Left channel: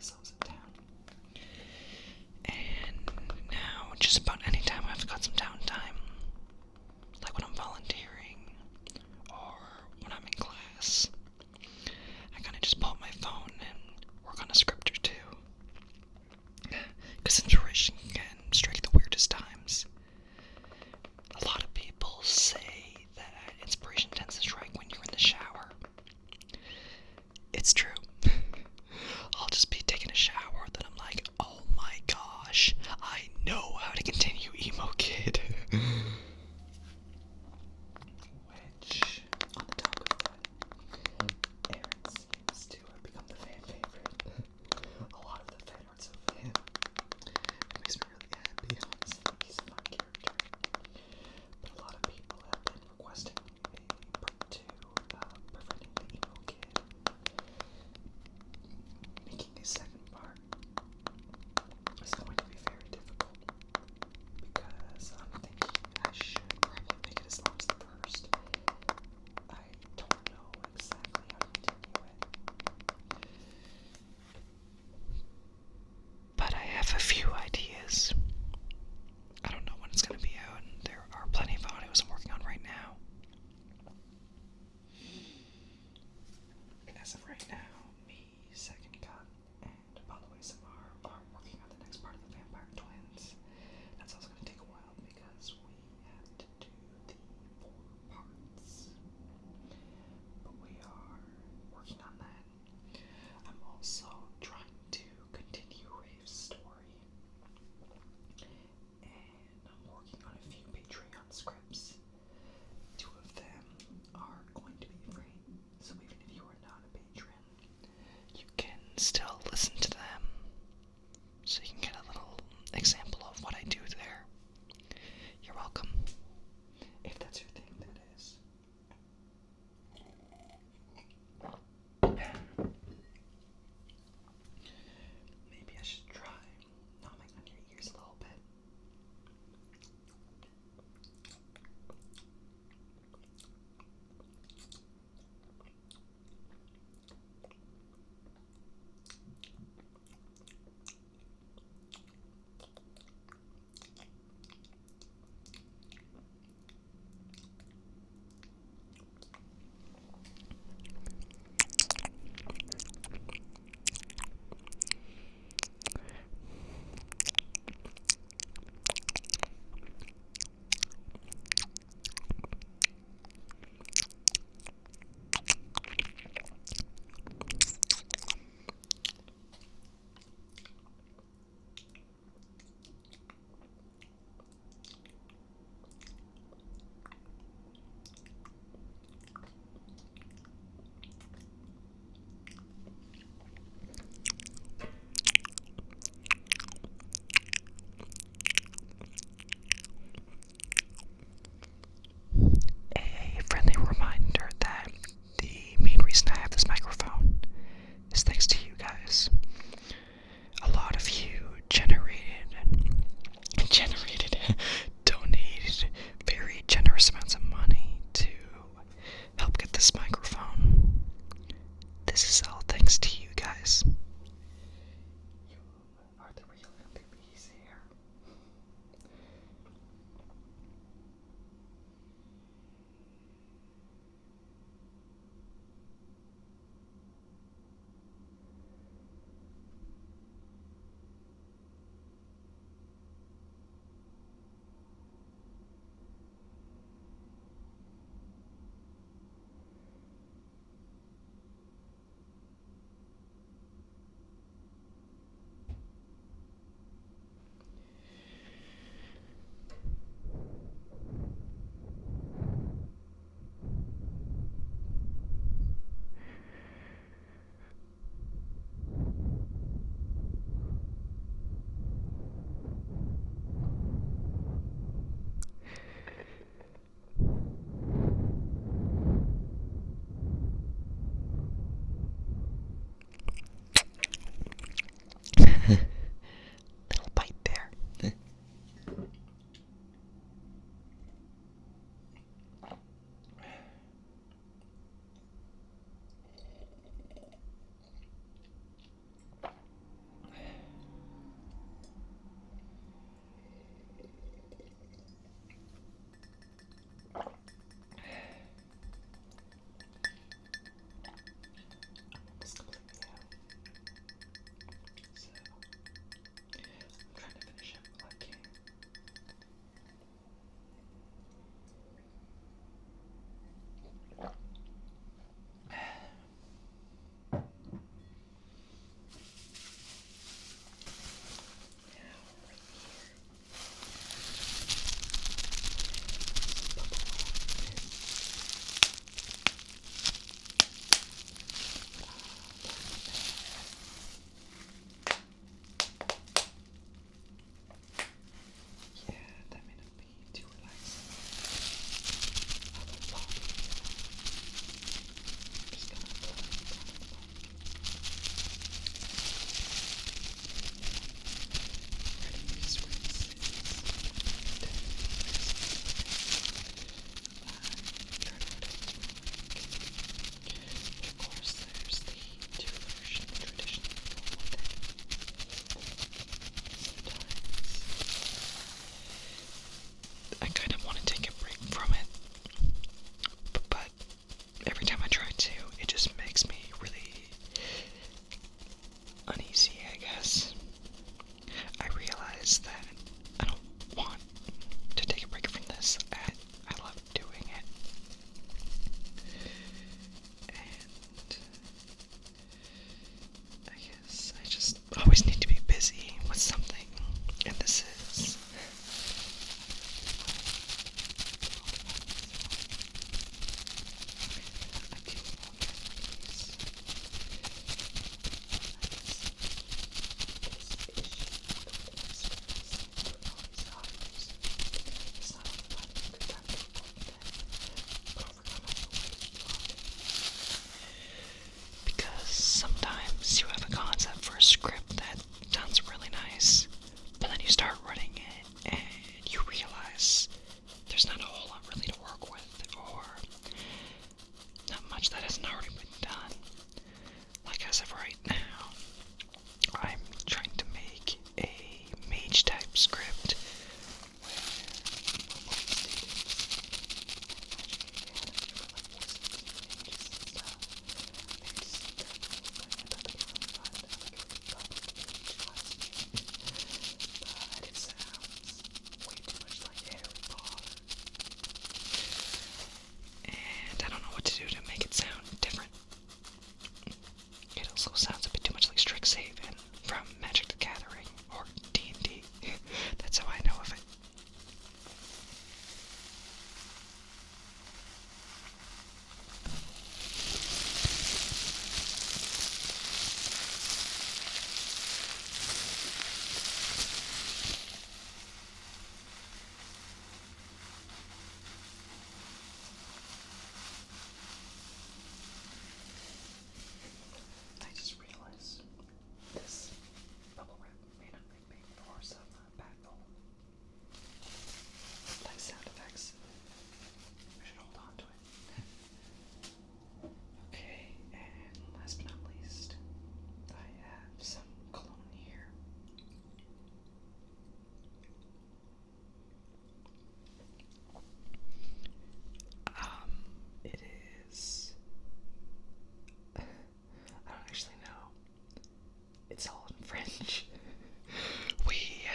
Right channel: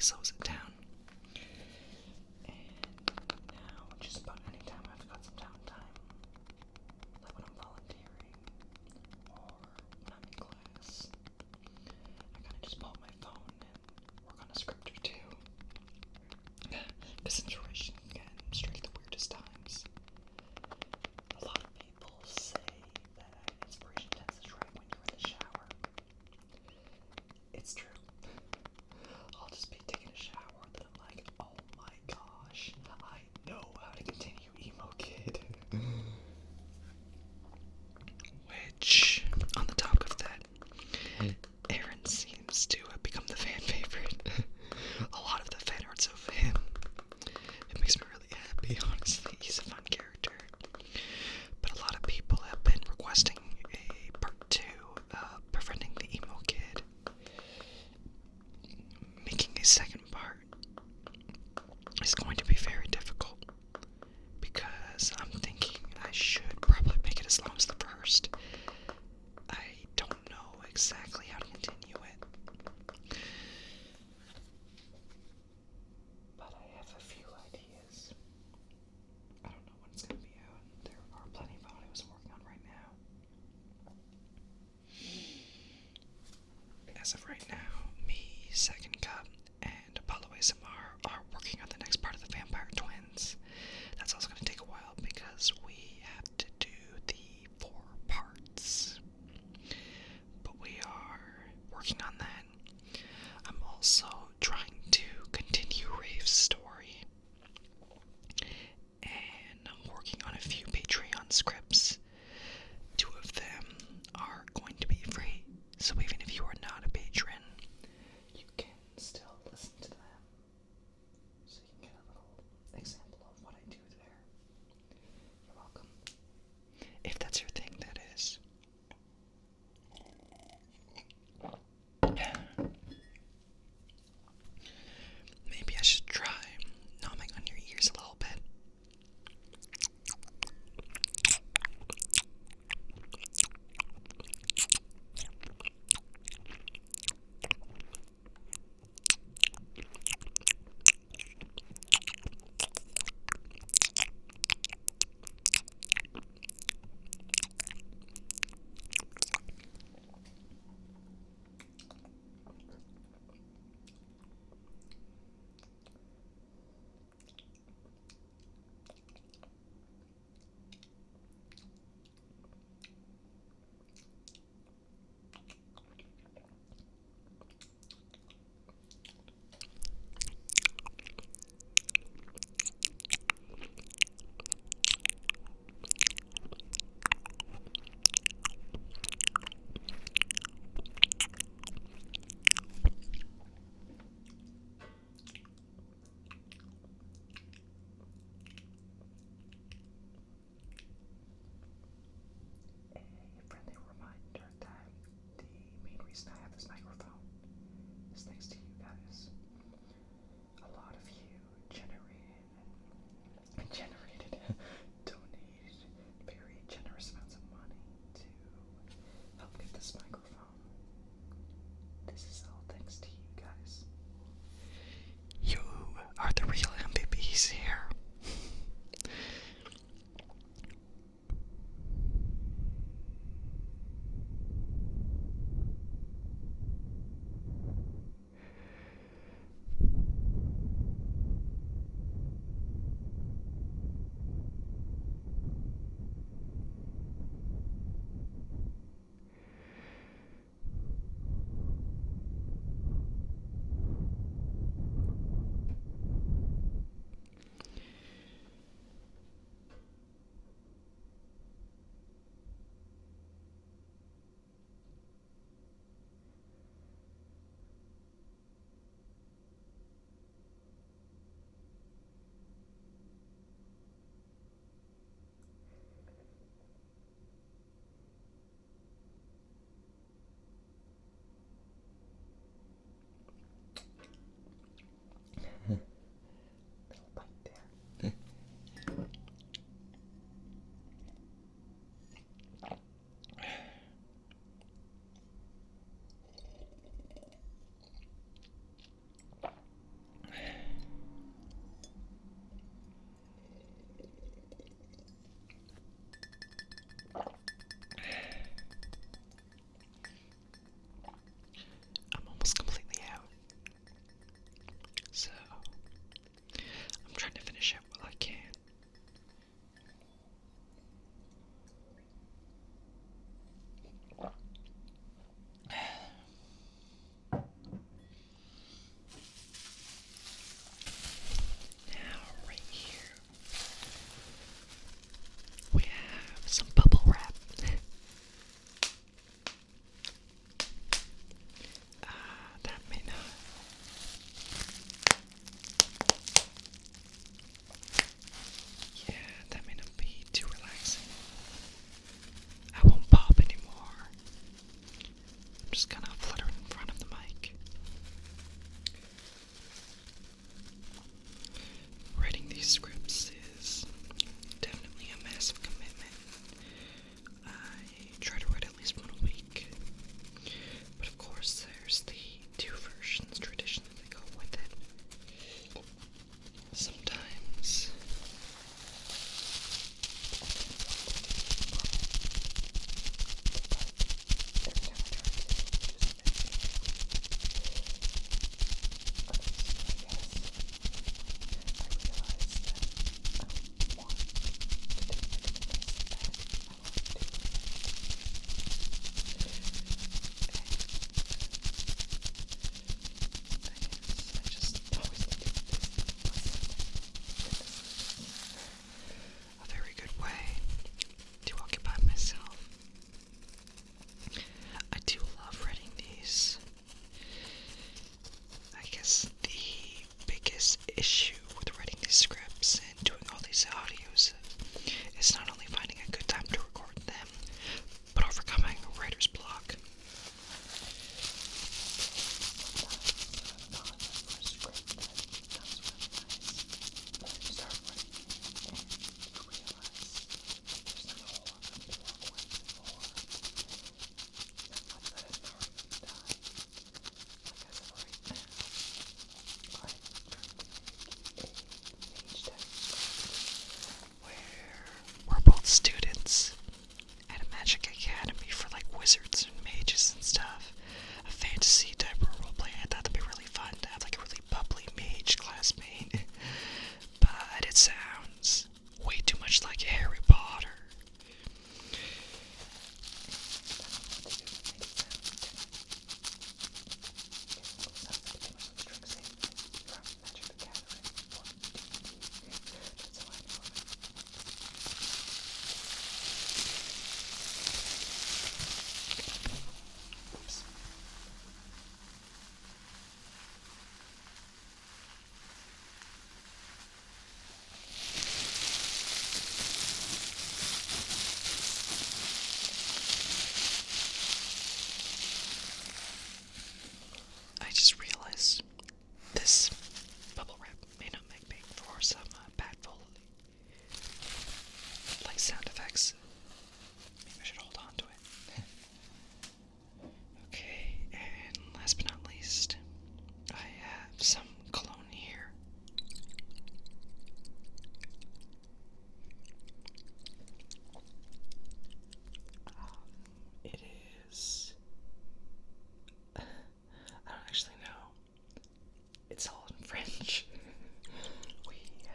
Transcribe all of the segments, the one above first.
really slows it down. And now, just about any time I've got some downtime, like when I'm volunteering or when I'm in class, I kind of just pull out my phone and work on a script or two. Because inspiration can strike the weirdest times. A lot of people say that inspiration tends to strike when you're in the shower. It's true. I'll just be taking a shower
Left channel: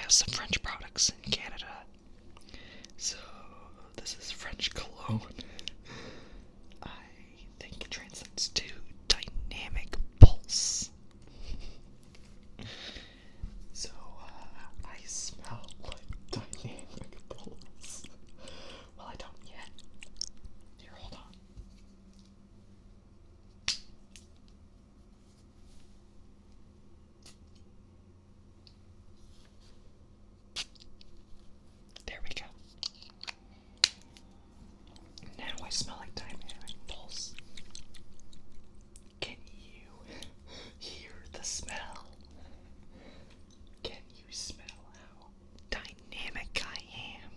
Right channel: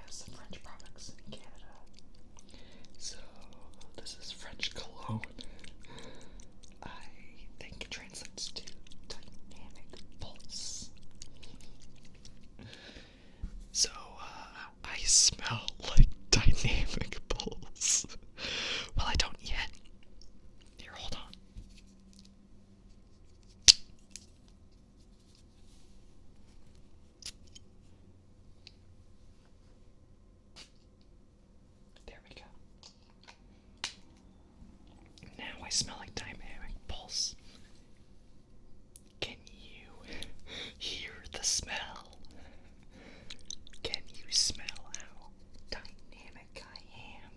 have some French products in Canada. So this is French cologne. I think it translates to dynamic pulse. So I smell like dynamic pulse. Well, I don't yet. Here, hold on. There we go. Now I smell like dynamic pulse. Can you hear the smell? Can you smell how dynamic I am?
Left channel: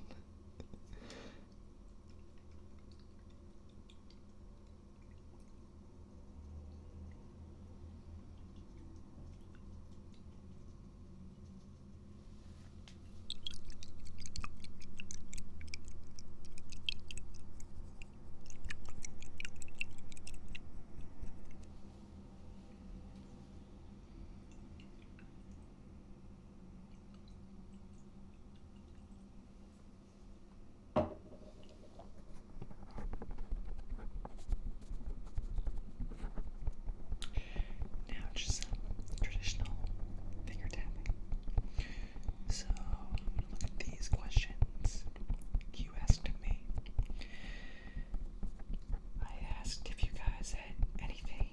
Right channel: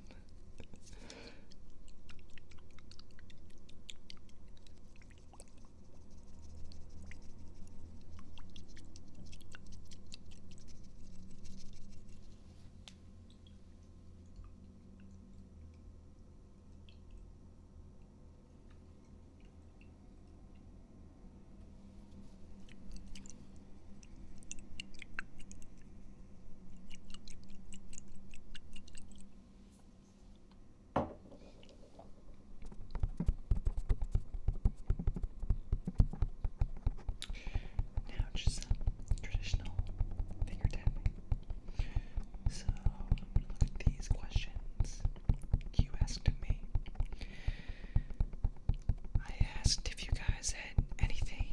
Now just some traditional finger tapping. So I'm gonna look at these questions you asked of me. I asked if you guys had anything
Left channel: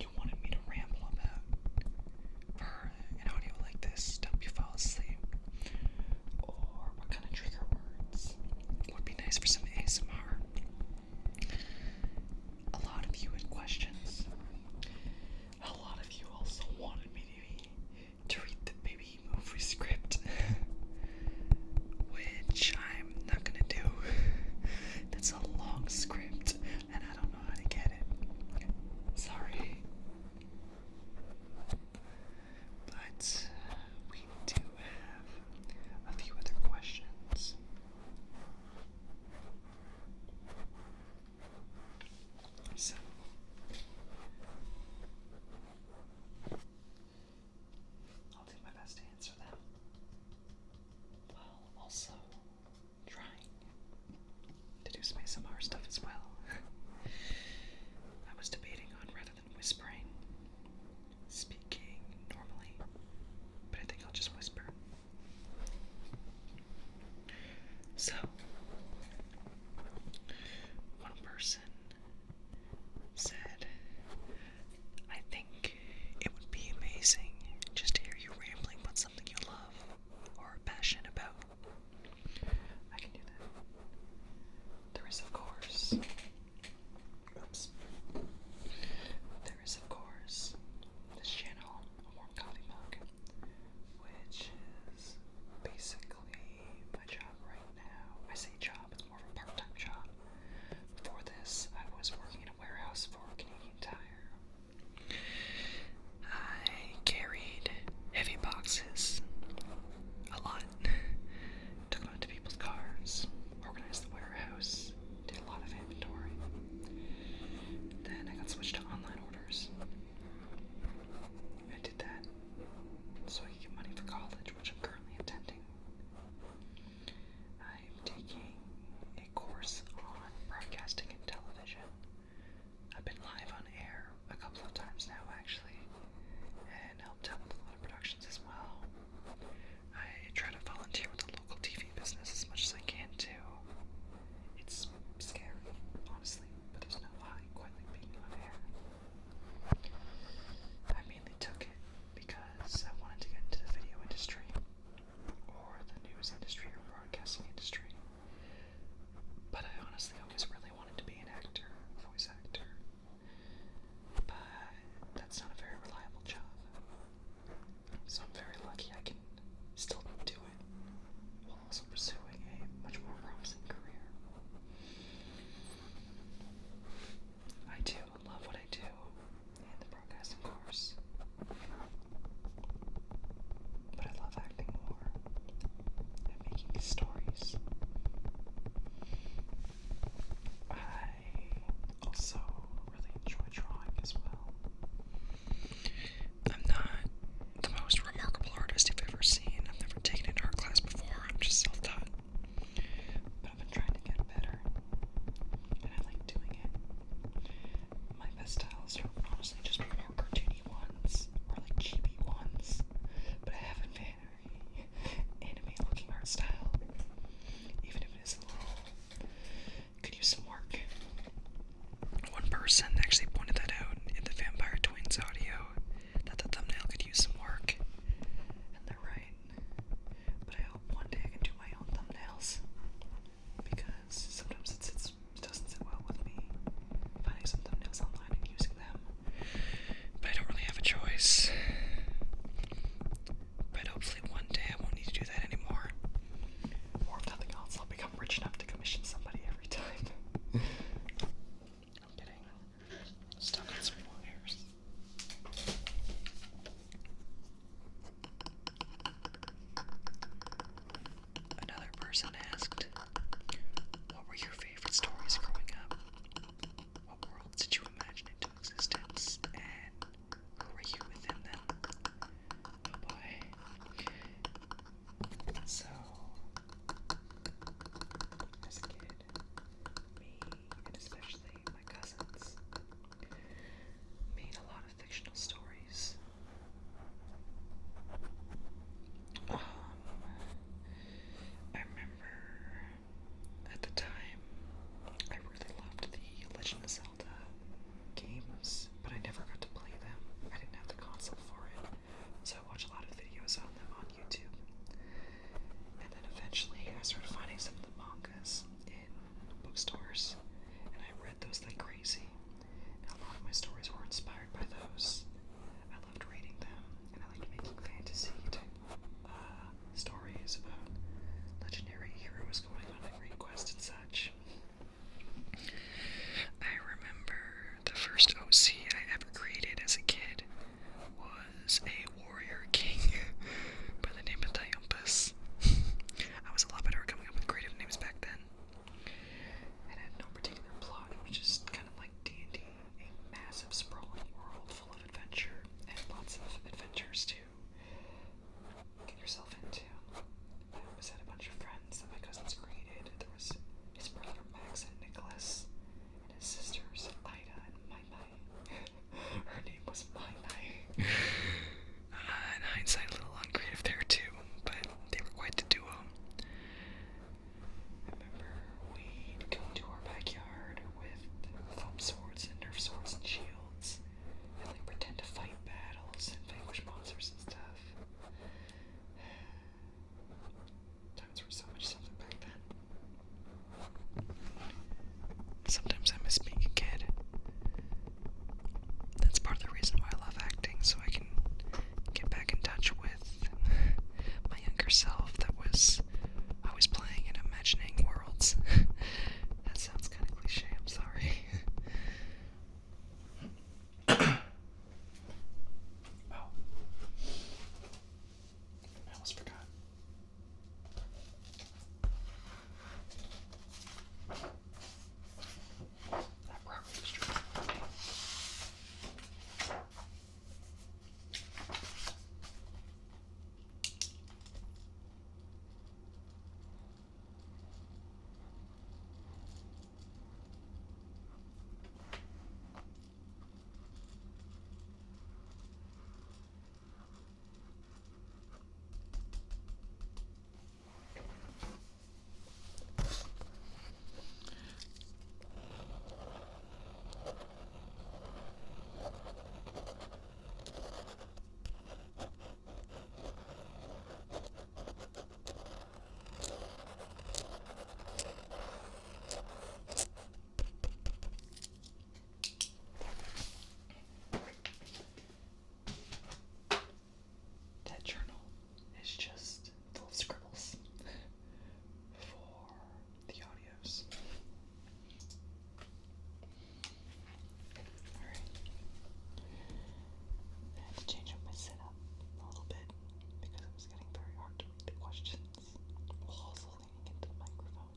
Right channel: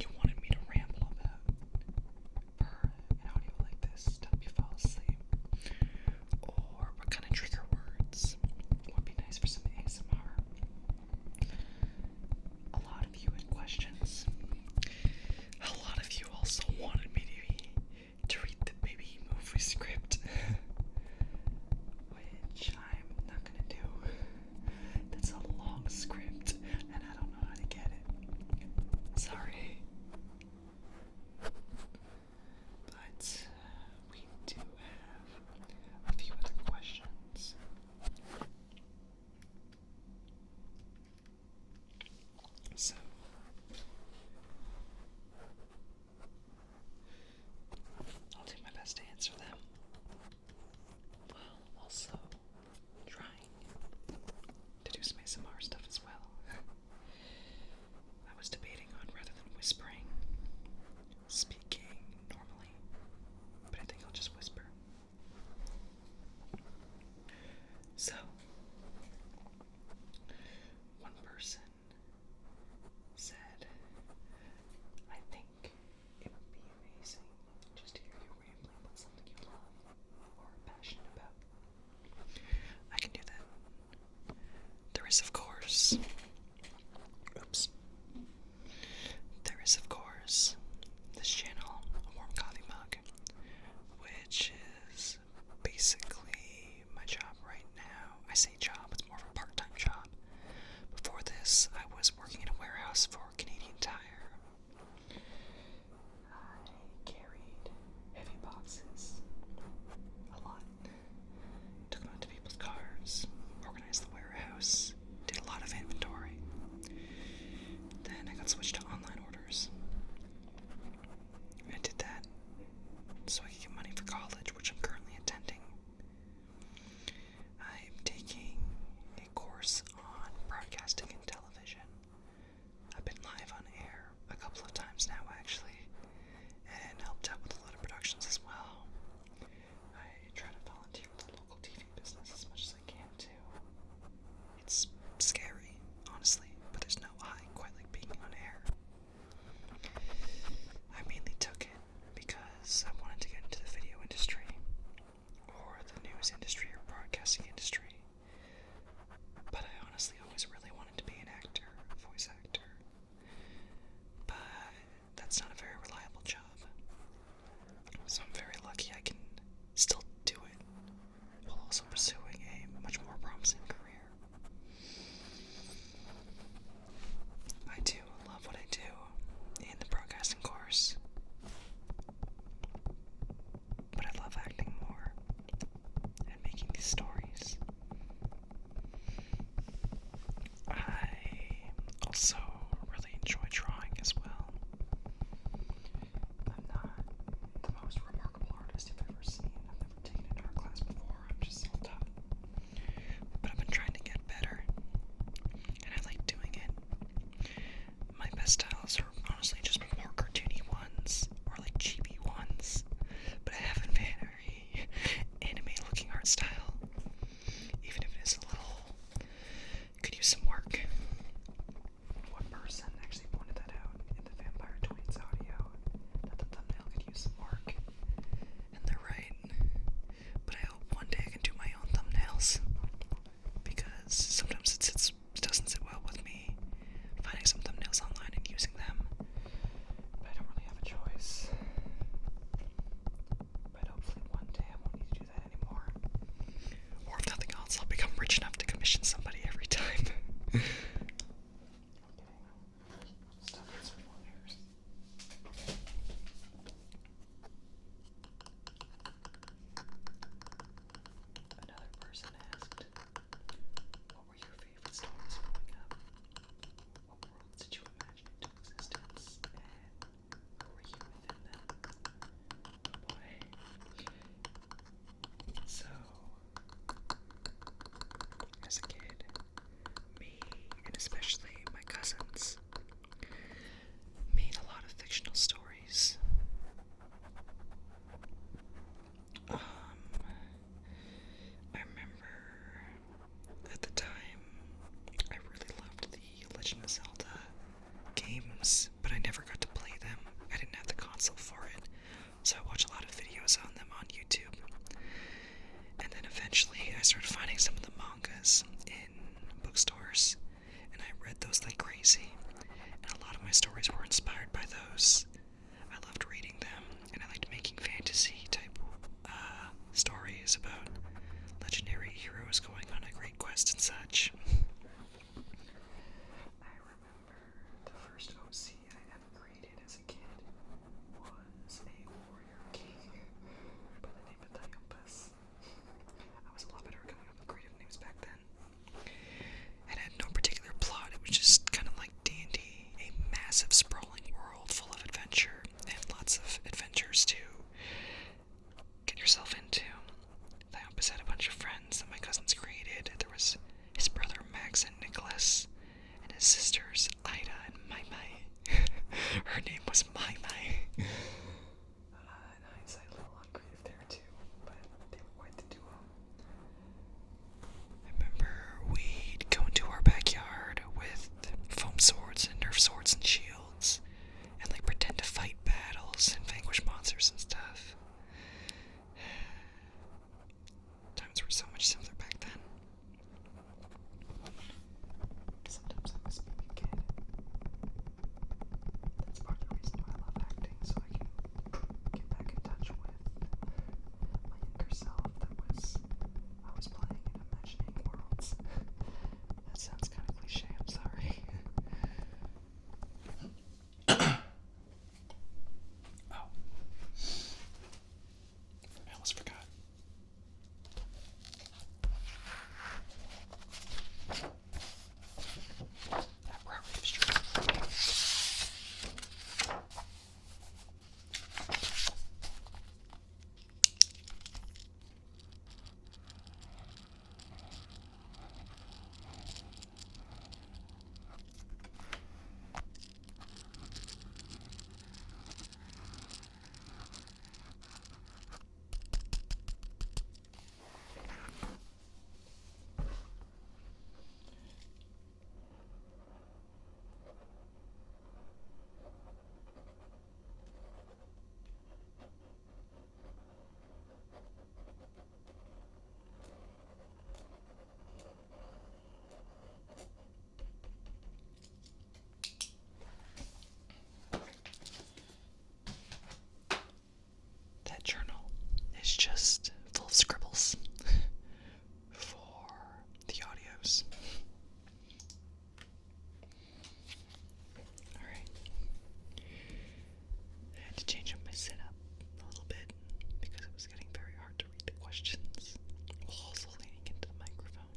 you wanted me to ramble about for an audio like this to help you fall asleep, or what kind of trigger words would be nice for some ASMR. A lot of you had questions. A lot of you also wanted me to read the baby movie script, which I'm not gonna do. That's a long script, and I don't know how to get it. Sorry. But we do have a few other questions. So I'll do my best to answer them, while also trying to do some ASMR stuff as well. I was debating on, rather than whispering, speaking normally, but I think I'll just whisper. So, one person said, I think it would be amazing just to hear you rambling about something you love or are passionate about. I can do that. There is, of course, this channel, A Warm Coffee Mug, which is basically my job right now. I say job, it's more of a part-time job. Before this, I was working in a warehouse for Canadian Tire. I carried heavy boxes a lot, took them out to people's cars, organized the warehouse, did a lot of inventory. Then I got switched to online orders. I did that so I could get money for college, which I'm currently attending. I'm taking a course on broadcasting and television. I've been live on air a couple of times now, actually, and helped out with a lot of productions as well. I try to volunteer with the local TV business as much as I can too. It's scary, honestly, but there's no high quite like being on air. I mainly took it because I wanted to get into the video industry, or the news industry, or broadcasting industry. But I honestly always really wanted to be an actor, a voice actor. But that's not a very reliable job. So I'm very lucky I can still do it while also pursuing a much more promising career. I do love what I do in the broadcasting course, but I love acting more and making these stories. I also really enjoy drawing as well. I'm not the most remarkable artist you've ever seen. I've never hopefully one day I won't need to do that anymore. Or if nothing else, I'll become rich enough to commission somebody every time. I'm kidding. Still got some wires. Another person asked, what were your favorite stories growing up? What worlds did you imagine into existence? And who were you within them? Oh boy. So, as a kid, me, and especially my cousins, made a lot of fictional stories. I remember at the time I really loved the Legend of Zelda games, but I never got to play them. I didn't have the console for it, so I watched a lot of videos on them on YouTube. And then eventually I started finding some of the mangas in bookstores, and I read those like crazy. And a lot of my stories were inspired by those. I loved reading them, and I liked making fantasy type stories about legendary heroes going on a great quest and such. I remember the first OC I ever created as a kid was a warrior king by the name of Diumpus. I was a lot better at coming up with creative names back then. It had no particular plot, it was just kind of like D&D, a massive sprawling world full of adventure, and lots of adventures to get yourself into. Diumpus had a bunch of friends that my cousins created. There was his brother Max and Nicholas, and his sisters Ida and Mai Mai. Her name was Mai Mai. In hindsight, a little uncreative there too, but they were quite the duo. I remember we'd go into our backyard with foam swords and Nerf swords and shields, and like pretend to fight battles and vanquish monsters and stuff. Times were so much simpler back then. Sometimes I miss being a kid. That's part of the reason why I love acting, so I can get back in touch with my younger self that was always playing and imagining worlds. That sounds kind of cliche, I'm sorry. Oh. I almost forgot. That probably was true. That journal is just full of scribbles for the audios. Alright. I had to change up my setup a little bit because it was getting very hard to read the questions while also leaning into the microphone.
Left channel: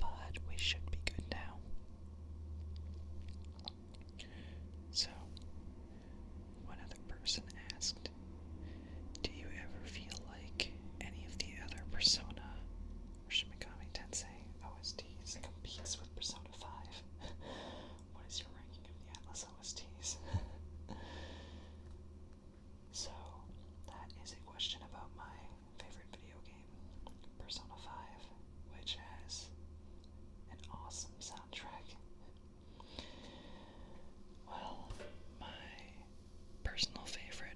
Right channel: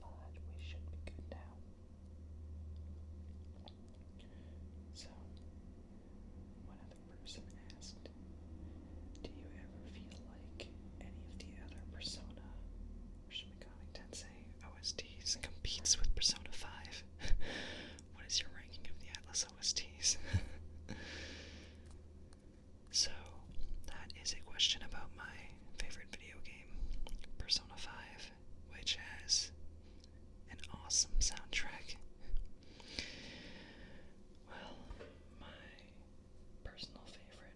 But we should be good now. So, one other person asked, do you ever feel like any of the other Persona or Shin Megami Tensei OSTs competes with Persona 5? What is your ranking of the Atlas OSTs? So, that is a question about my favorite video game, Persona 5, which has an awesome soundtrack. Well, my personal favorite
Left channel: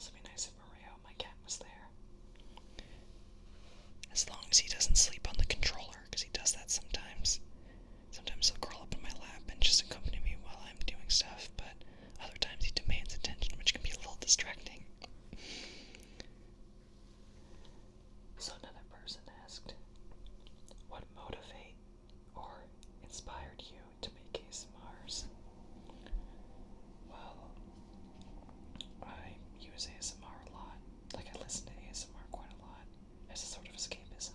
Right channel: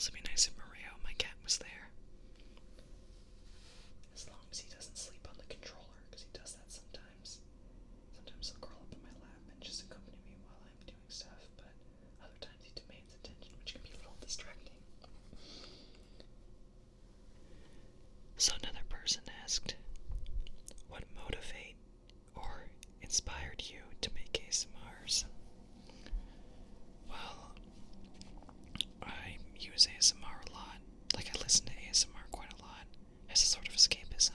also be nice if Mario, my cat, was there. As long as he doesn't sleep on the controller, because he does that sometimes. Sometimes he'll curl up in my lap and just accompany me while I'm doing stuff, but other times he demands attention, which can be a little distracting. So another person asked, what motivated or inspired you to make ASMRs? Well, I use ASMR a lot. Like, I listen to ASMR quite a lot as a sort of escapism.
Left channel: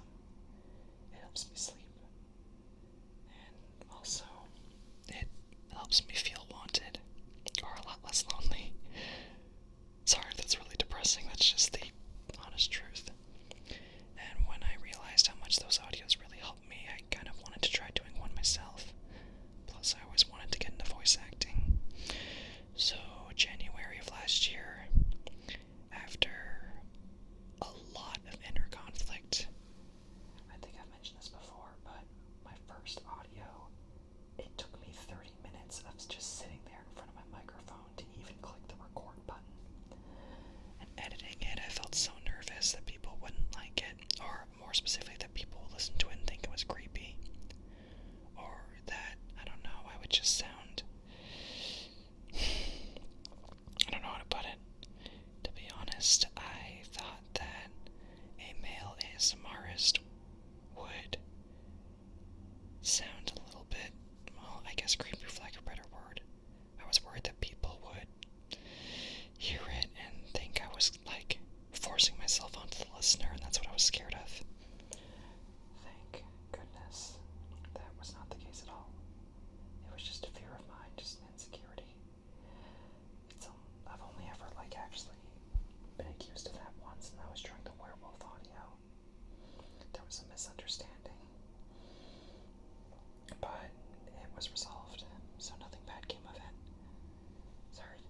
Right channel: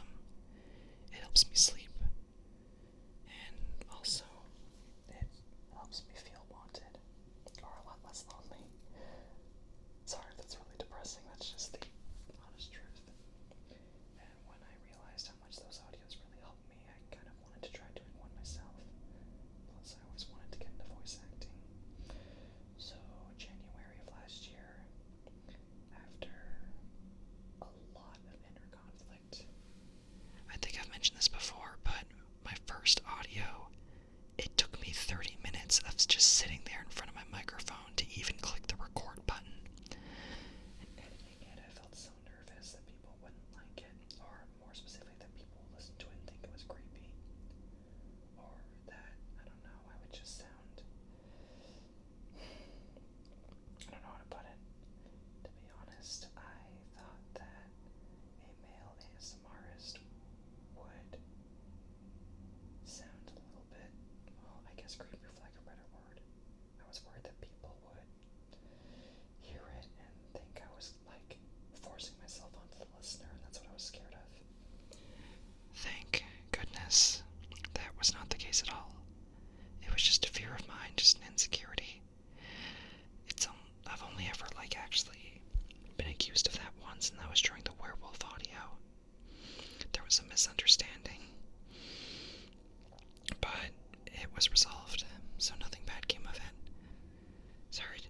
It helps me sleep, and also it helps me feel wanted, or a lot less lonely. Sorry, that's really depressing. That's just the honest truth. And when I realized how much those audios really helped me, I kind of wanted to try doing one myself. Plus, I always wanted to get into voice acting. So, January of last year, after a lot of inner conflict, I think I've mentioned this before, but my first audio, it took me 30 minutes of just sitting there in front of my microphone to even click the record button. And editing it, I felt so nervous that people wouldn't like it, or more specifically, that people would listen to it and think it was creepy. Or that, I don't know, I would just sound... I don't know how to put it. To be honest, I thought that a male ASMRist would sound a little bit, well, I guess creepy for lack of a better word. I was worried that people would hear it and think I was, like, forcing myself onto the listener, and that's what I was scared of. Thank goodness that was not the case at all. It was just a fear of mine, just an insecurity. I've only ever, like, actually been accused of that once, and that was during the werewolf audio. There was a misunderstanding, but it was resolved, so nothing bad came of it. Sorry,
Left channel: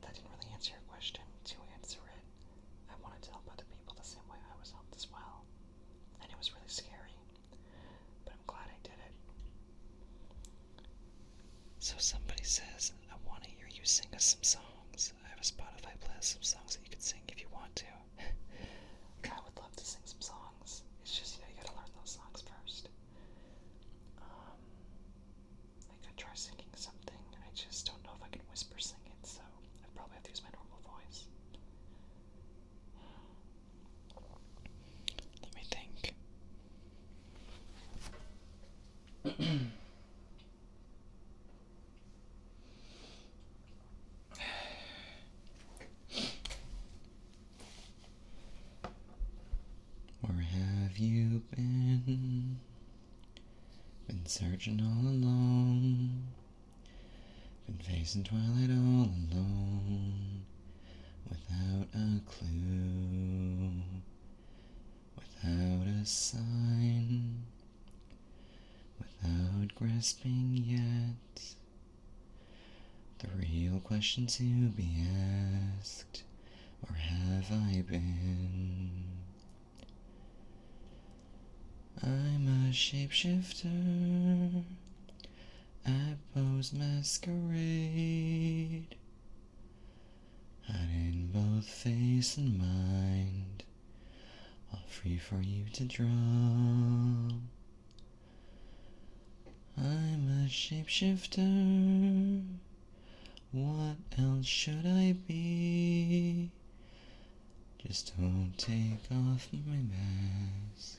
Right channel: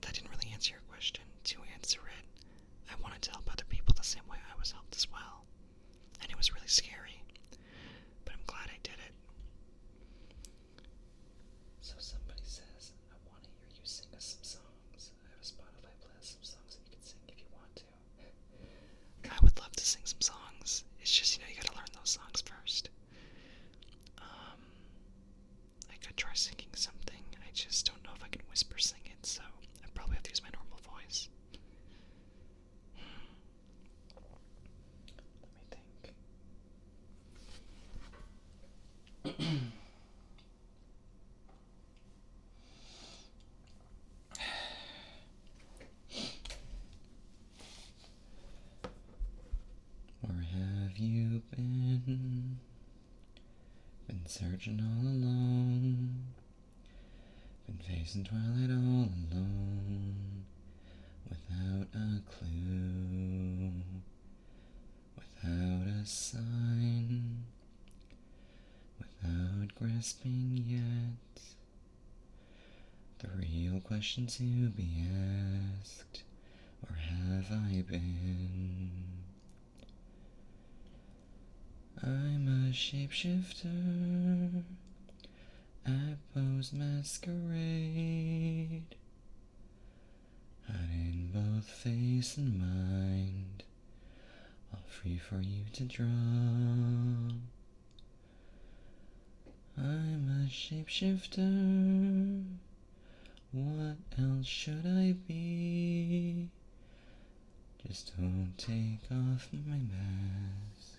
that didn't really answer your question. To answer it, I wanted to help other people the same way I was helped as well, and it was really scary, but I'm glad I did it. So somebody says, I want to hear you sing us some songs. I have a Spotify playlist of songs that you could sing if you want to. I would love to sing some songs. It's just, you gotta learn those songs first. I could try singing something. I just don't know if I can whisper sing it, so I probably have to use my normal voice. Let me think. Where have you been? Been searching all alone. Been facing twilight all alone. Without a clue. Without a sign. Without grasping yet. The real question to be asked. Where have I been? I'm a shapeshifter at Poe's masquerade, hiding both face and mind, all free for you to draw. I'm a shapeshifter, what else should I be? Just don't take off my mask,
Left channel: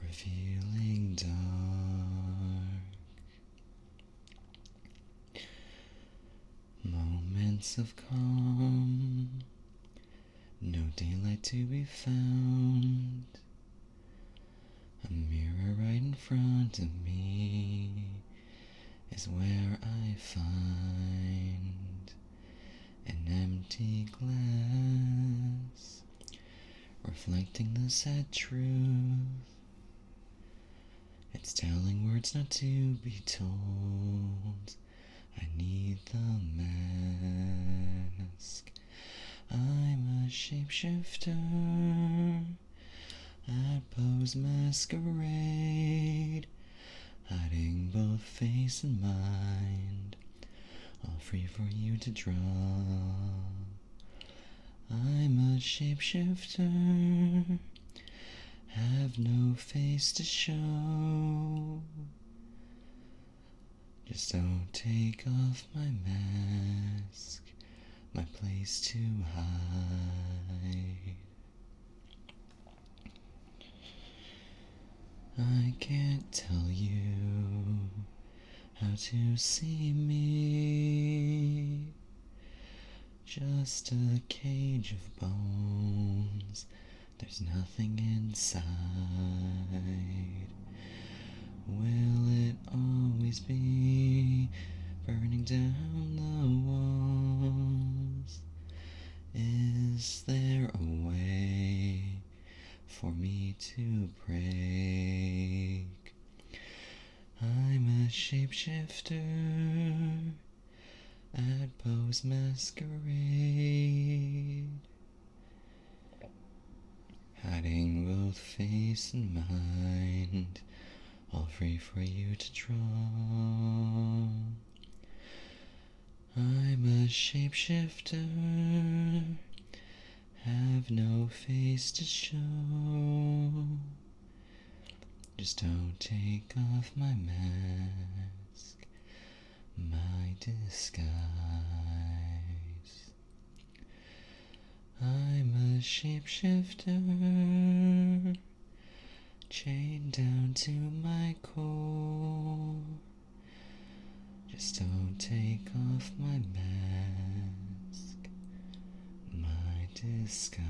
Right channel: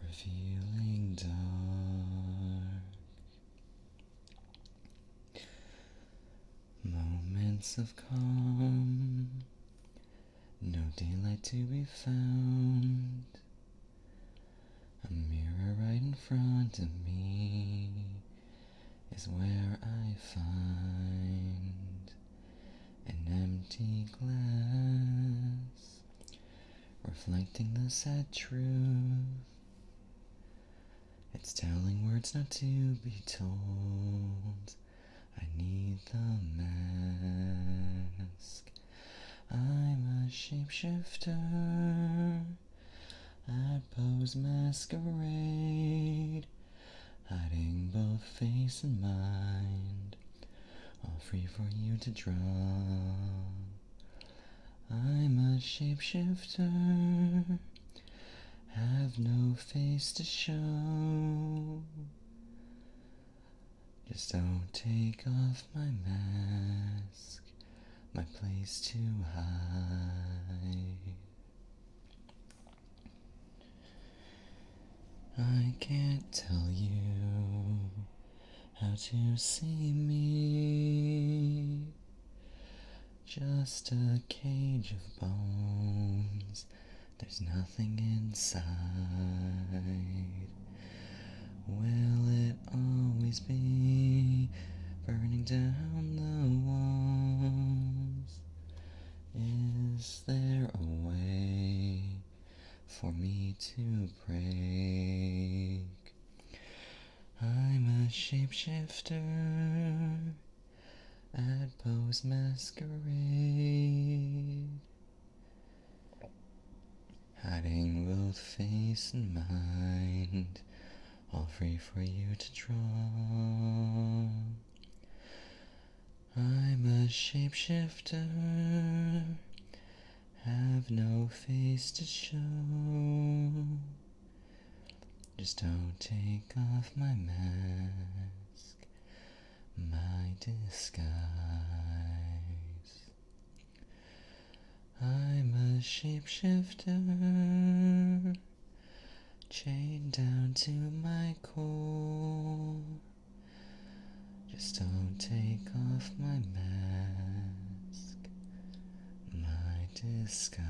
revealing dark. Moments of calm, no daylight to be found. A mirror right in front of me is where I find an empty glass, reflecting the sad truth. It's telling words not to be told. I need the mask. I'm a shapeshifter at Poe's masquerade, hiding both face and mind, all free for you to draw. shapeshifter, have no face to show. Just don't take off my mask, my place to hide. I can't tell you how to see me, just a cage of bones, there's nothing inside. Will it always be burning down the walls? Is there a way for me to break? I'm a shapeshifter at Poe's masquerade, hiding both face and mind, all free for you to draw. I'm a shapeshifter, have no face to show. Just don't take off my mask, my disguise. I'm a shapeshifter, chained down to my core. Just don't take off my mask, my disguise.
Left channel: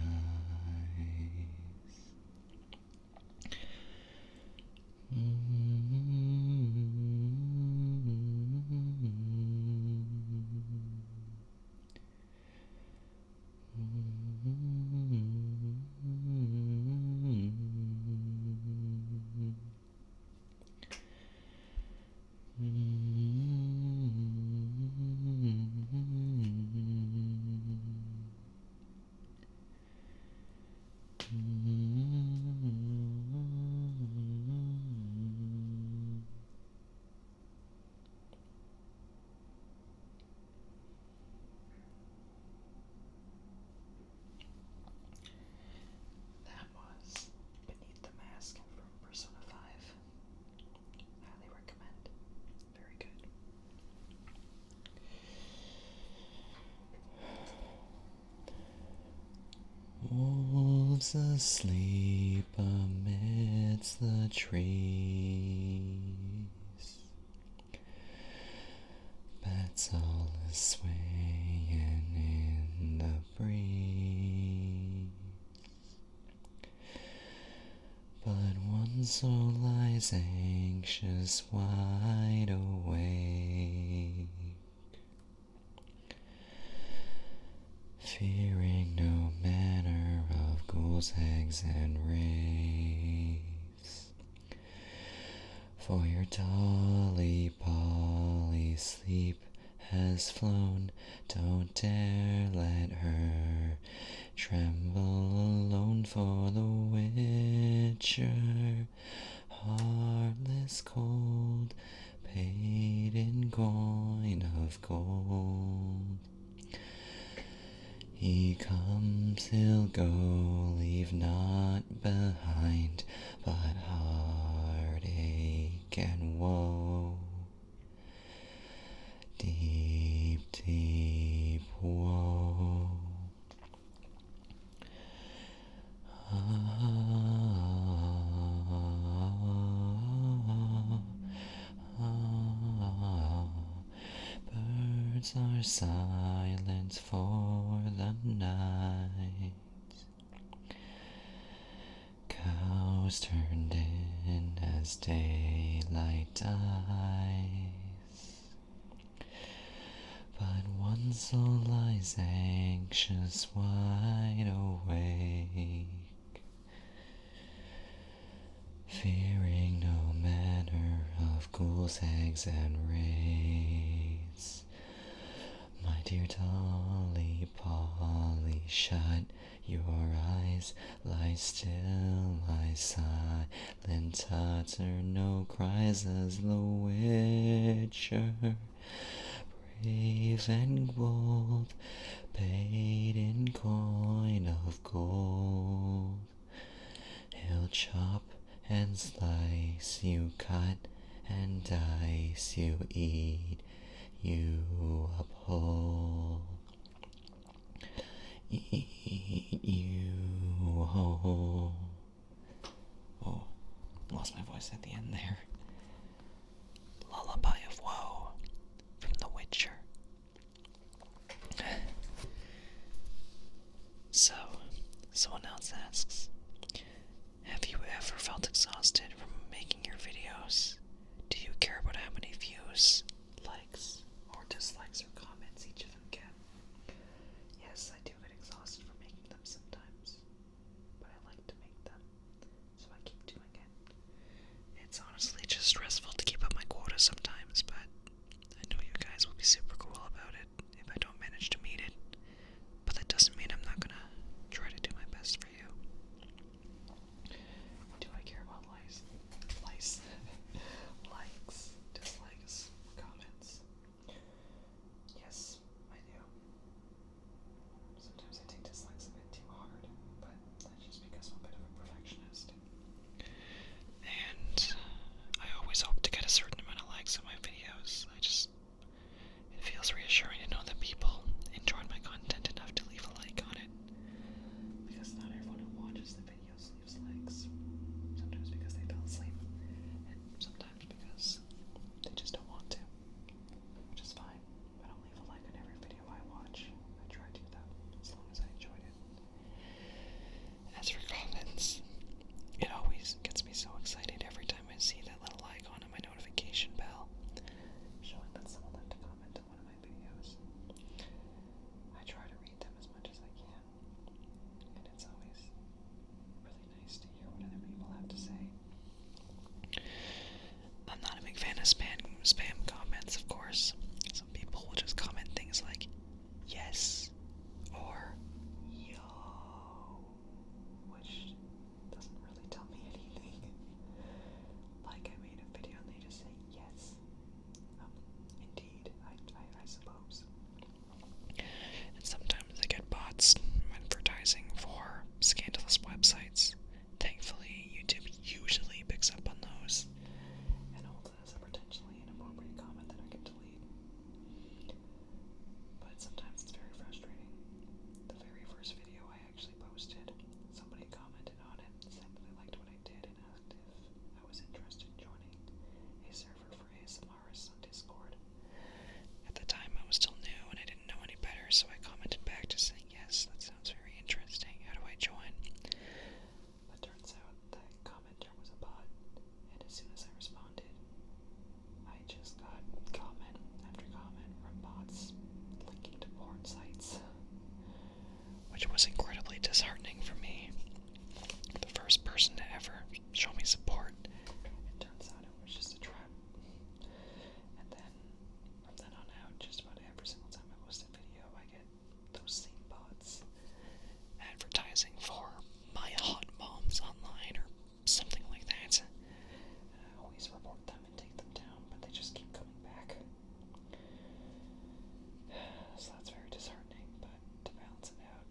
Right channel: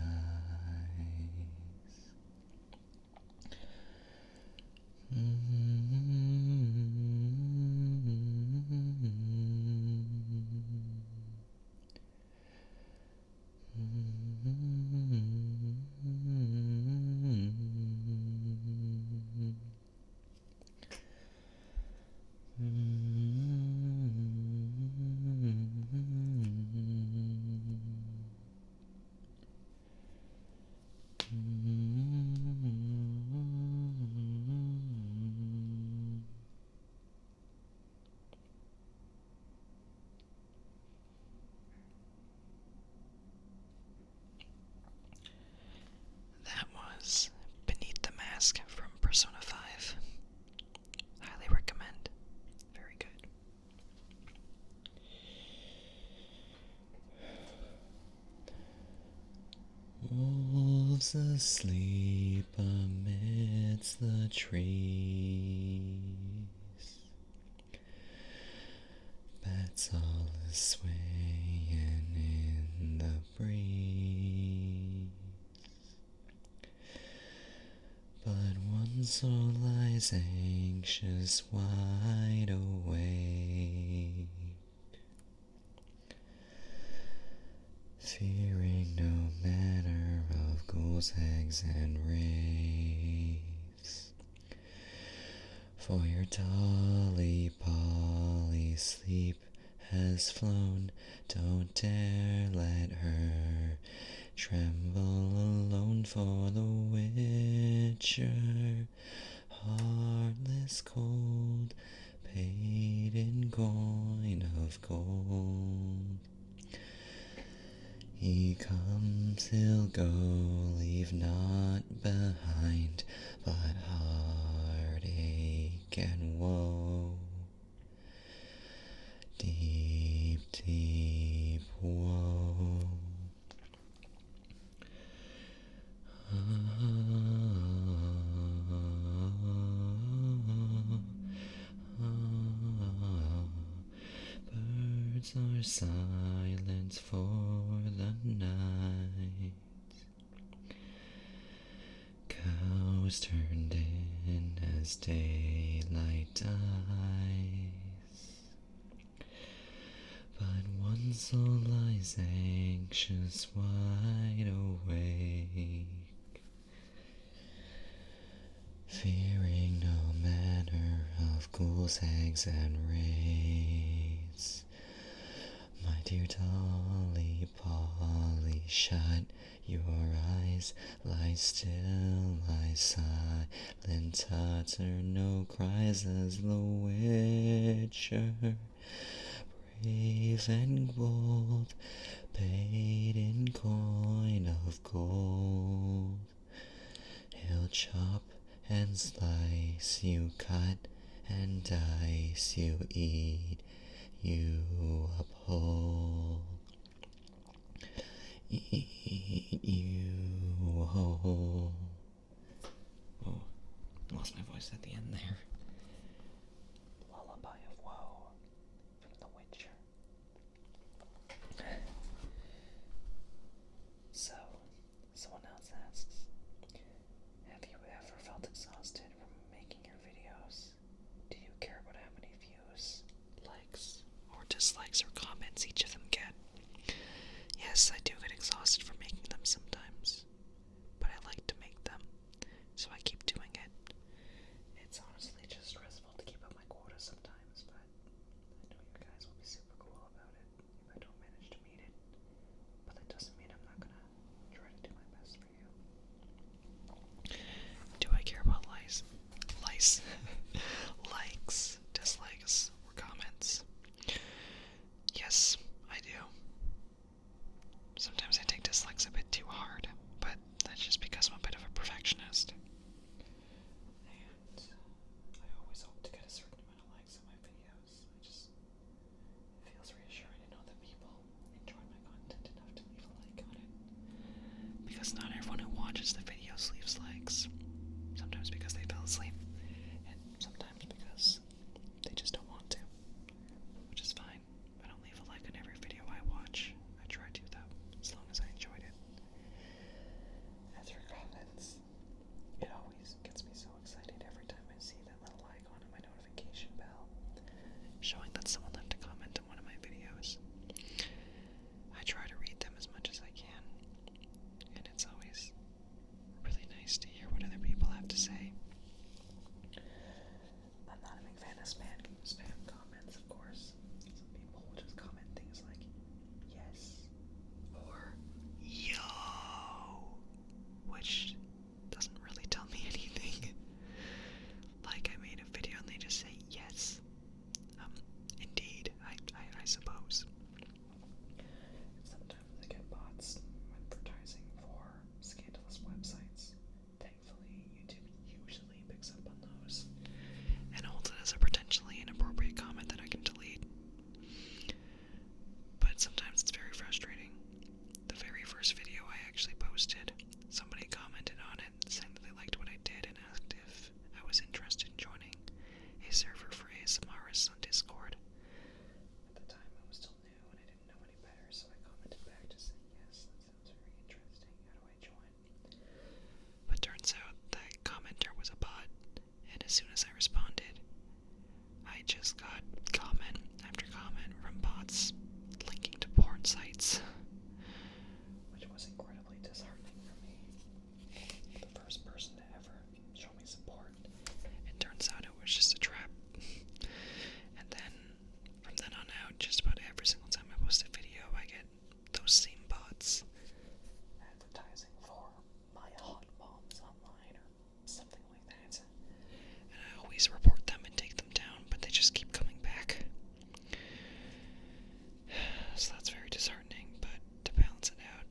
That was Beneath the Mask from Persona 5. Highly recommend. Very good. Wolves asleep amidst the trees, bats all swaying in the breeze, but one soul lies anxious, wide awake, fearing no manner of ghouls, hags, and wraiths. For your Dolly Polly sleep has flown, don't dare let her tremble alone, for the Witcher, heartless cold, paid in coin of gold. He comes, he'll go, leave naught behind but heartache and woe. Deep, deep woe. Birds are silent for the night, cows turned in as daylight dies, but one soul lies anxious, wide awake, fearing no manner of ghouls, hags, and wraiths. My dear Dolly Polly, shut your eyes, lie still, lie silent, utter no cries, as the Witcher, brave and bold, paid in coin of One slice you cut and dice you eat, you uphold. Eat you whole. Oh, lost my voice at the end there. Lullaby of Woe from The Witcher. So, someone else asks, have you ever felt exhausted from making your videos? Do you care about how many views, likes, or dislikes or comments each of them get? Yes, I do get exhausted from making them sometimes, but I like to make them, so I keep doing it. It's honestly just stressful to keep up my quota sometimes, but I know you guys will be super cool about it if I don't manage to meet it. But that doesn't mean I'm not gonna try to do my best for you. Do I care about likes, dislikes, or comments? Yes, I do. Sometimes I take dislikes a bit too hard, but that's just because I'm a bit of a perfectionist. And I always hope to get a certain amount of likes on my videos. It feels reassuring to know that people enjoyed my content enough to leave a like on it. Because not everyone who watches the videos leaves likes. Sometimes because they fell asleep, and sometimes because they just don't want to. Which is fine. I don't leave a like on every video I watch. I try to, though, as long as I enjoyed it. As for comments, it always gets me so excited every time I see that little icon on my notification bell, showing that someone left a comment on one of my videos. I try to read them as much as I can, and it's always really nice to hear what other people have to say. I'm not a big fan of spam comments, of course. Some people will just comment things like, yes, or yo, which doesn't really tell me anything. Like, I made a video and they just say yes. Indeed, I suppose. And sometimes I get bots advertising for scandalous websites. Thankfully, YouTube usually picks up on those and holds it as a potentially inappropriate comment that I can delete. But sometimes it's very frustrating. The very first video I actually posted, somebody commented on it saying that they liked what I did and asked if I was interested in joining a server for ASMRists on Discord. At the time, I was still new and I didn't know any better, so I commented back just saying, yes, that sounds very interesting. How do I join? But turns out that commenter was a bot, and as soon as I responded, I just got comment after comment from bots linking to porn sites, which was incredibly disheartening for me. The first person to ever show me support, it turns out it was just a trap. And then, from then on out, just about every single time I post a video, I get those same bots advertising for my hot moms online or something like that. And I always report them and take them down, but they just keep coming back. So that's very disheartening, but to balance it out,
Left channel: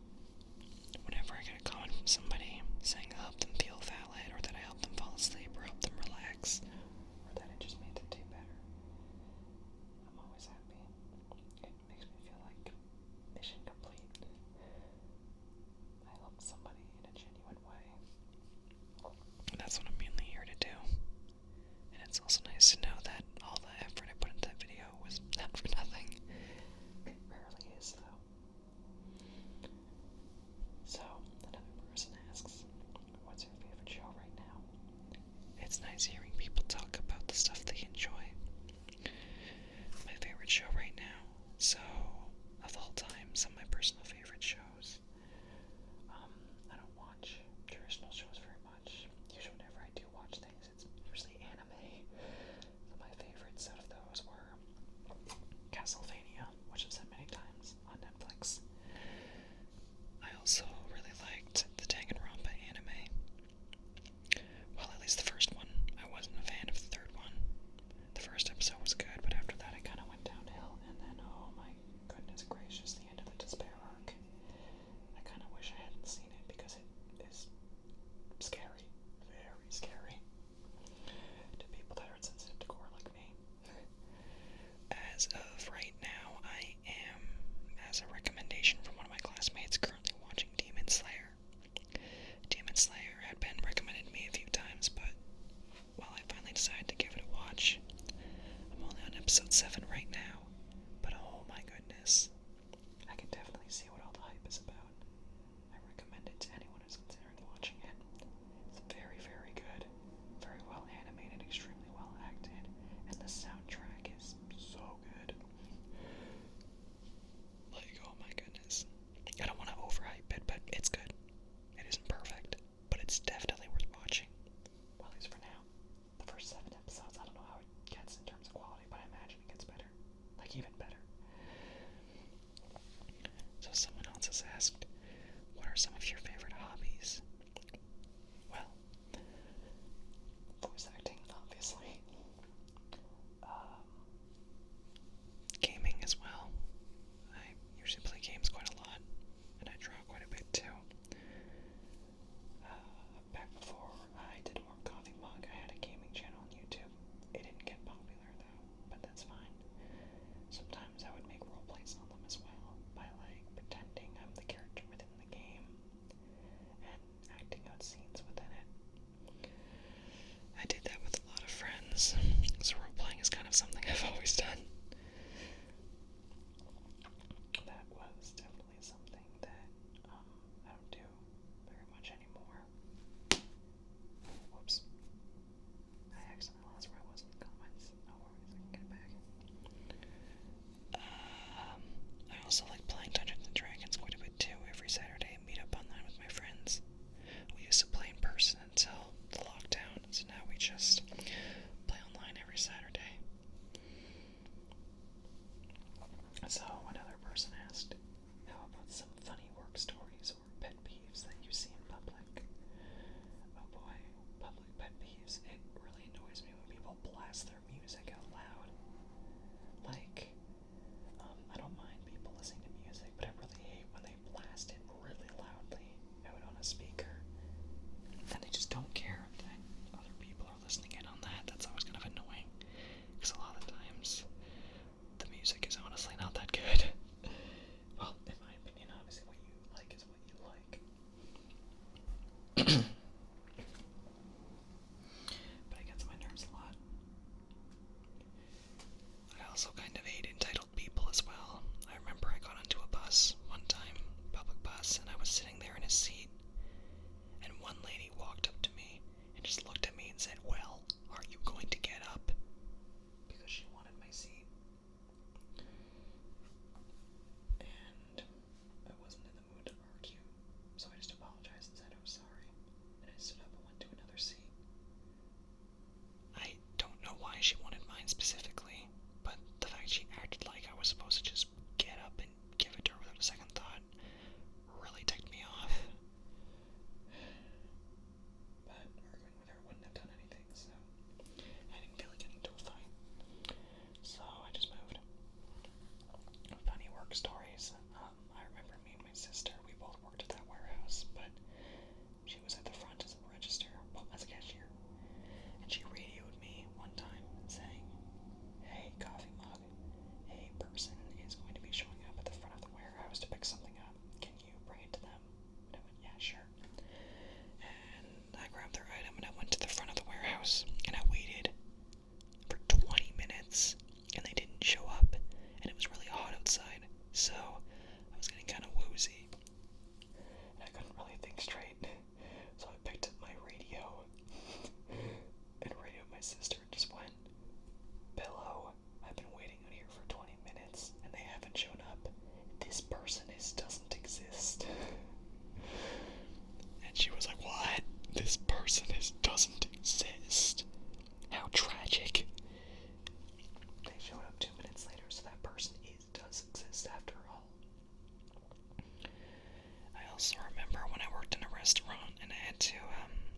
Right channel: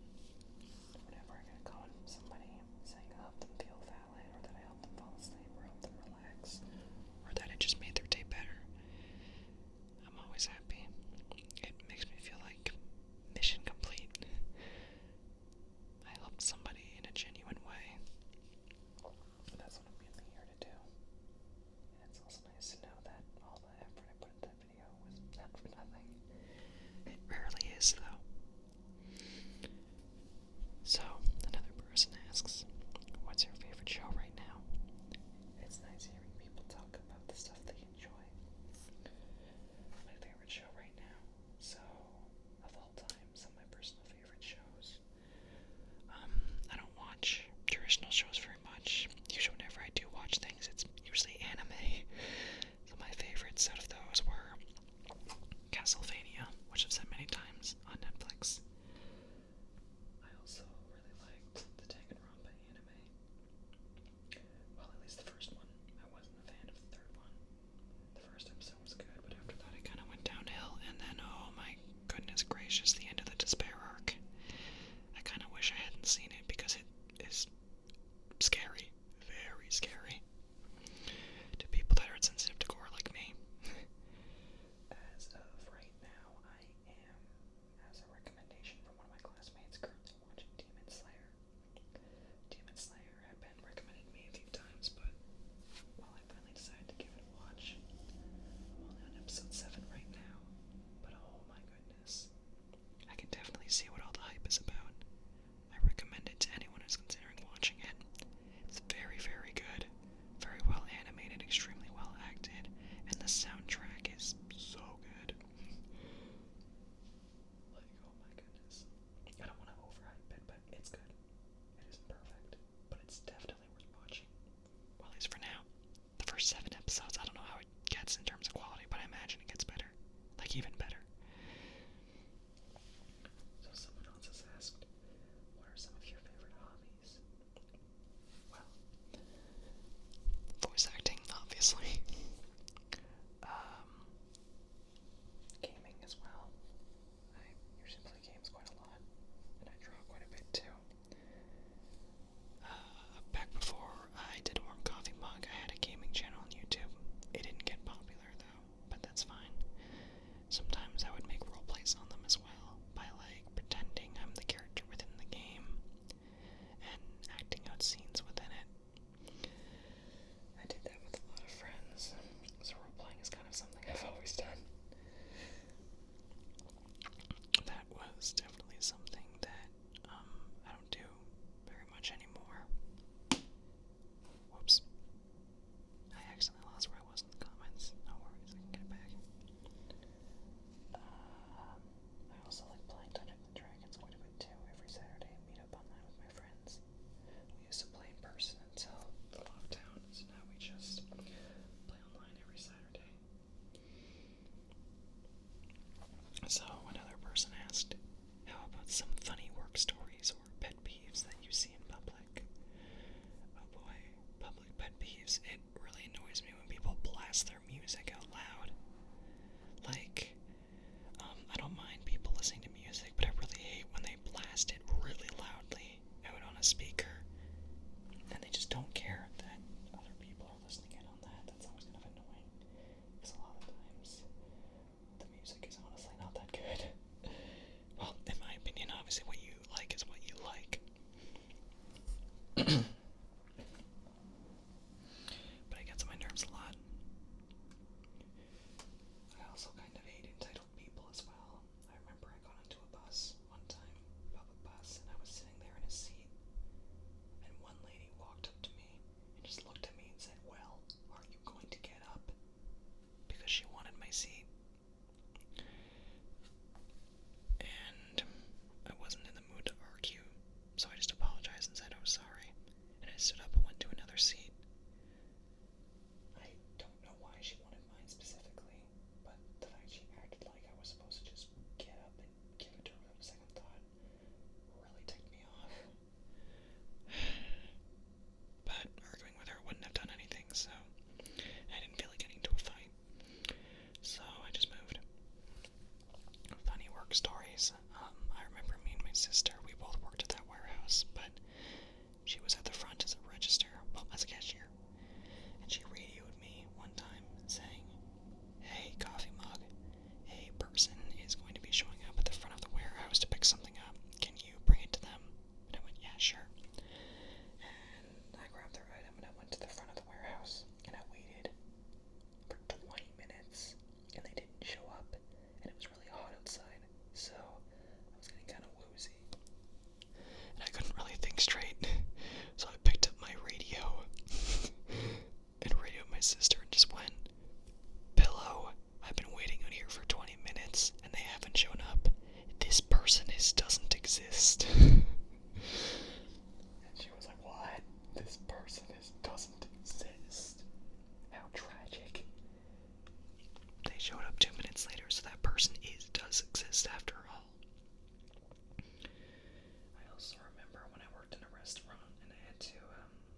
restaurant, and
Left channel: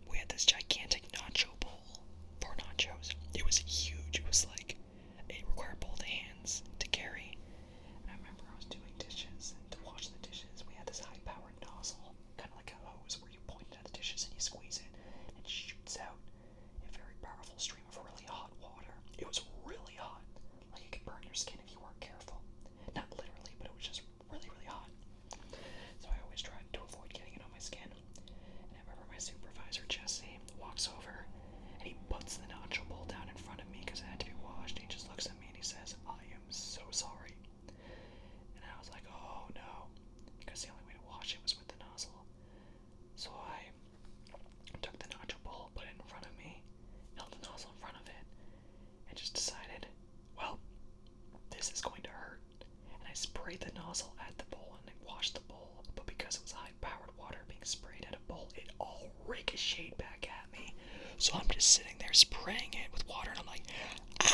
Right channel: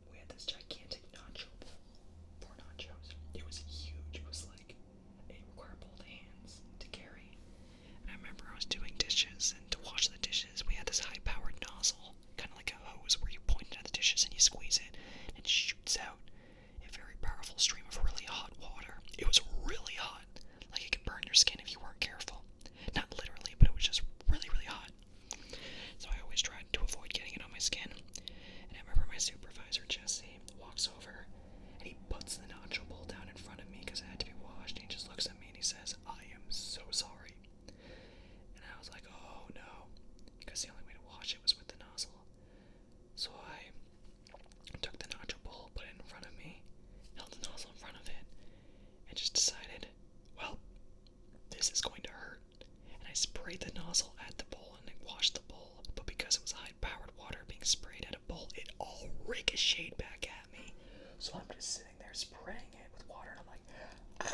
we had this gigantic nacho bowl for nachos. It was huge. It was like, it required both hands to carry. And I remember I was doing dishes, and to wash the dishes, we had this high-powered nozzle, kind of like a hose, where you point it at the dishes and you squeeze it, and it shoots out a very powerful stream of really hot water. It was really hot, like it could burn your skin if you weren't careful. Not literally, but it was just really, really hot. So I always tried to avoid getting it on my skin. And I remember my supervisor, Jesse, walks over and he puts the nacho bowl down in front of me because it had to be washed. And he just looks at me and he says, "I am so sorry." And I was like, oh no, because the only way to wash it was with the nozzle. So I took the nacho bowl, put it in front of me, held the nozzle in front of it, and just decided, well, this is going to hurt. And I sprayed the nozzle at the bowl and it washed the bowl, but because it was high-powered water being sprayed at a bowl, it all ricocheted back at me. So I'm just sitting there spraying it with water, and I'm like, ah!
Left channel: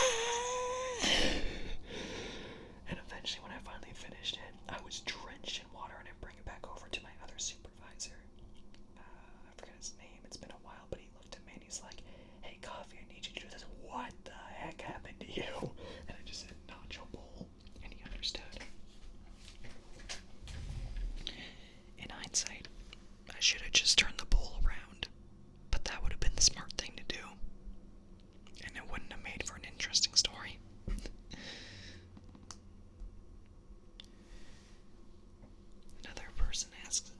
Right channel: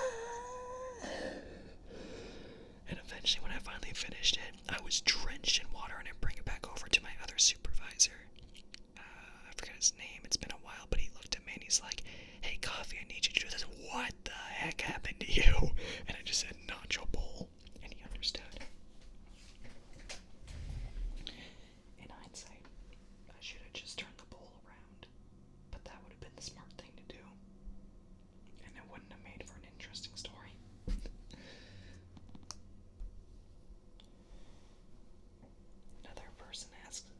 And eventually, when I finally finished it, I was drenched in water, and I bring it back over to my other supervisor. I forget his name, it's been a while, but he looked at me and he's like, "Hey, Coffee, I need you to do this." What the heck happened to you? And I just said, "Nacho bowl," and he understood. In hindsight, I should have just turned the bowl around, but that would have been the smart thing to do, and it wouldn't have made for an interesting story. Another person asks,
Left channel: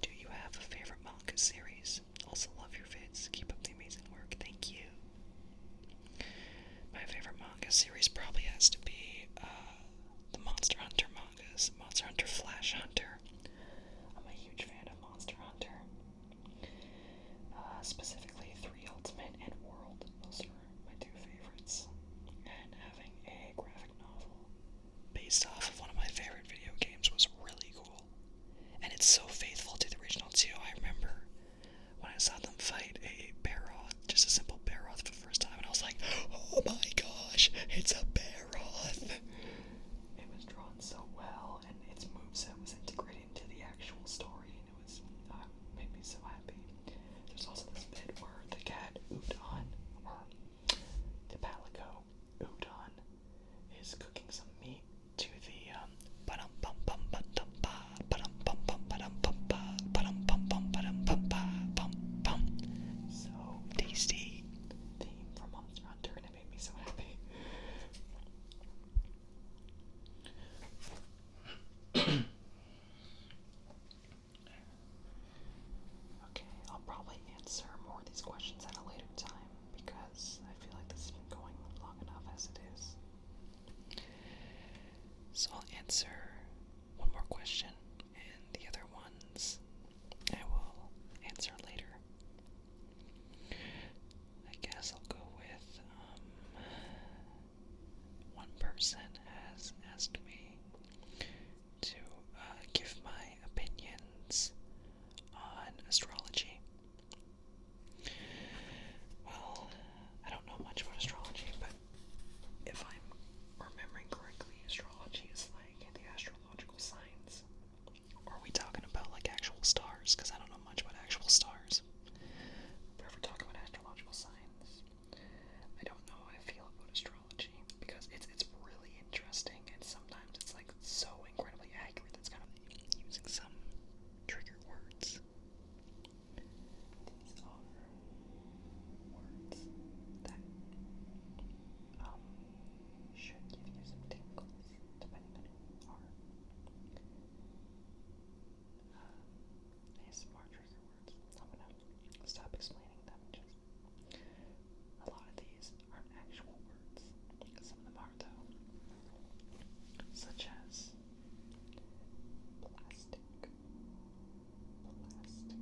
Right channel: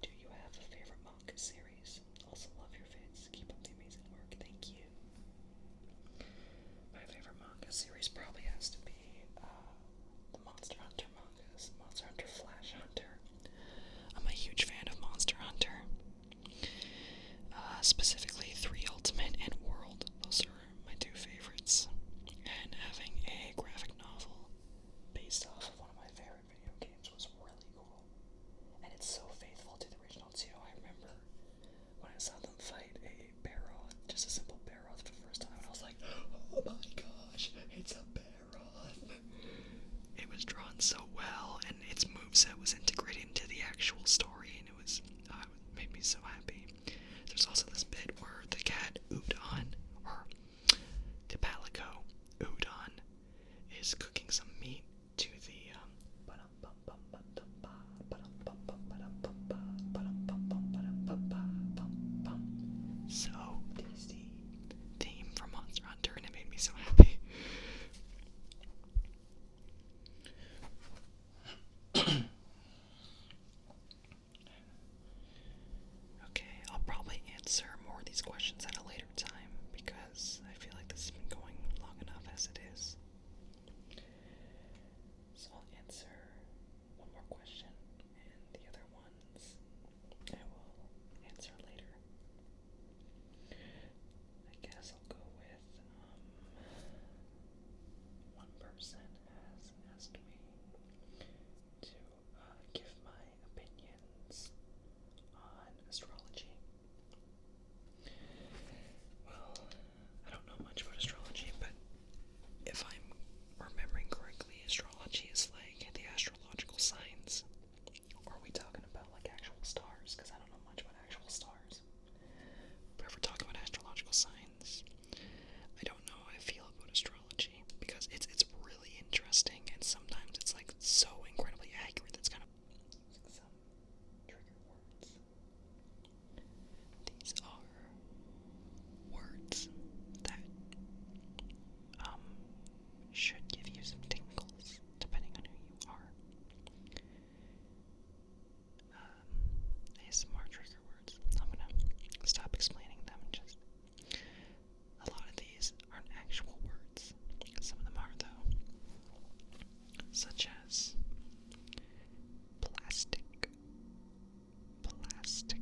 "Do you have a favorite manga series? Also love your vids. Keep up the amazing work." Thank you. My favorite manga series probably has to be the Monster Hunter mangas. Monster Hunter Flash Hunter. I'm a huge fan of Monster Hunter. Specifically 3 Ultimate and World. Those are my 2 favorites. And having a graphic novel based off of one of my favorite video games was really cool. And it's so faithful to the original too. I remember when I saw them fight a Barroth, just a simple Barroth for the first time, and I was like, oh my gosh, it's a Barroth! It was drawn so well, and its moveset was integrated into the actual story, and it was, made me so happy. There's also this bit where the cat Udon, or the Palico Udon, is cooking some meat to the so tasty theme from Monster Hunter, and it made me so happy. Okay, I'll probably answer more of these questions at a later time because I feel like this has been going long enough as it is. So I'll answer one more question, and the other ones I will answer later. I guess I'll go with, one person has asked me to give my opinions on astrology. Well, I don't know much about astrology, but if I'm remembering correctly, astrology is like the astrological signs. Or are we talking about like actual stars? Because I don't know much about actual stars. But if we're talking about astrological signs, I don't know how I feel about astrology because it's really interesting, and sometimes it's like so incredibly accurate that's kind of using some trigger words. These are words that should give you some tingles depending on who you are. ASMR trigger words. I'm gonna stop explaining them. Just a lot of these aren't actual words. Some of them are though, such as plastic, plastic,